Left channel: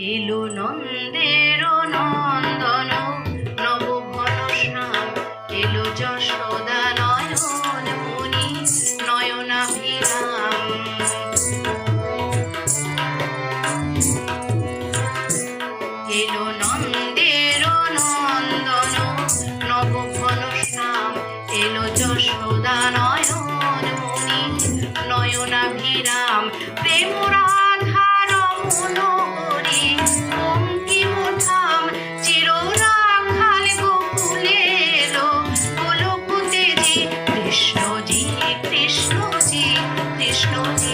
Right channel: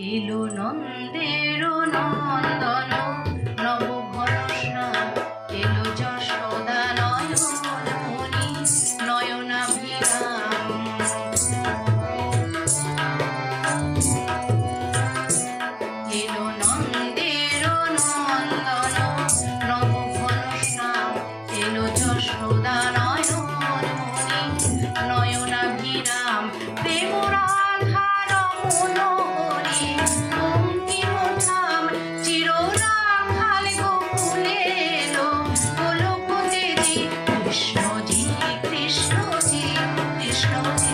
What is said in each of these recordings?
এলো নন্দের নন্দন।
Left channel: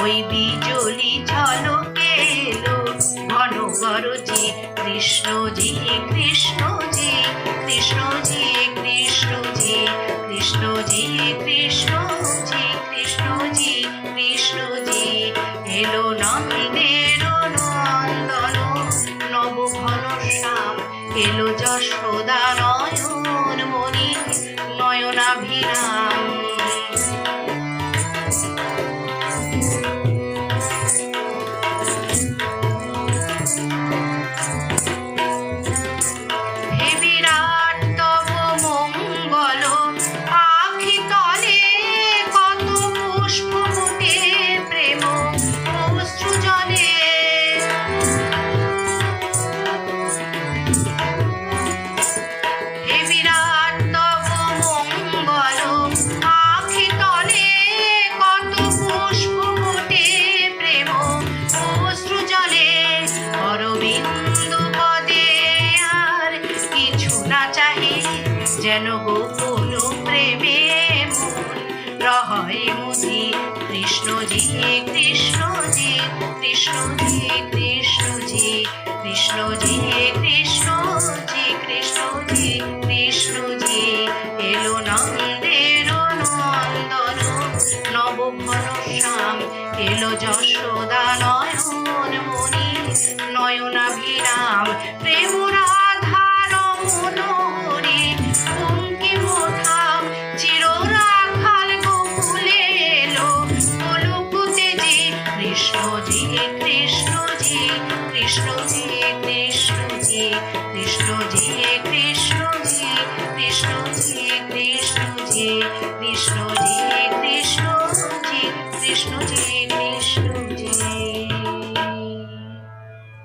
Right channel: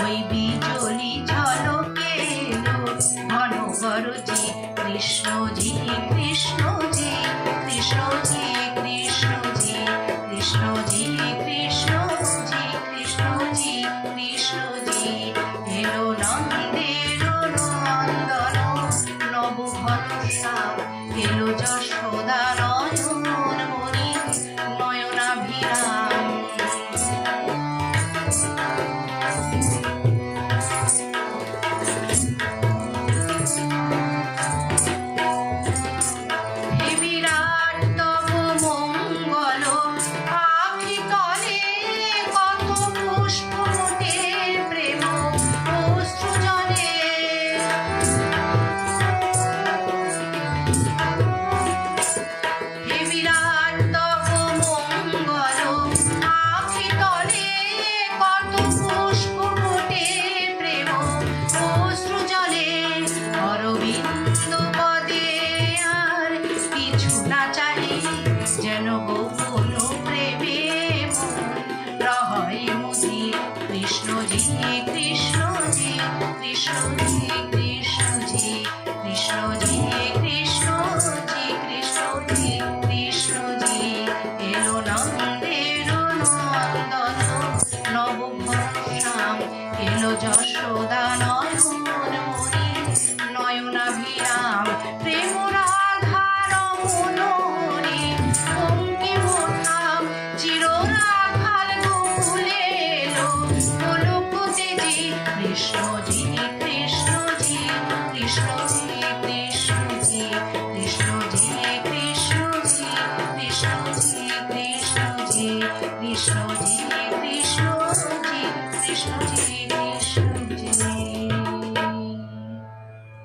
ওই বিজলি ঝলকে ঘন করছি কৃষ্ণজি কৃষ্ণজি কৃষ্ণজি কৃষ্ণজি কৃষ্ণজি কৃষ্ণজি কৃষ্ণজি কৃষ্ণজি এলো নন্দের নন্দন নব ঘন শ্যাম এলো যশোদান যেন গোকুল প্রেমে রহয় মুদি কৃষ্ণজি কৃষ্ণজি কৃষ্ণজি কৃষ্ণজি কৃষ্ণজি কৃষ্ণজি কৃষ্ণজি কৃষ্ণজি এলো নন্দের নন্দন নব ভরসাম এলো যশ no delay.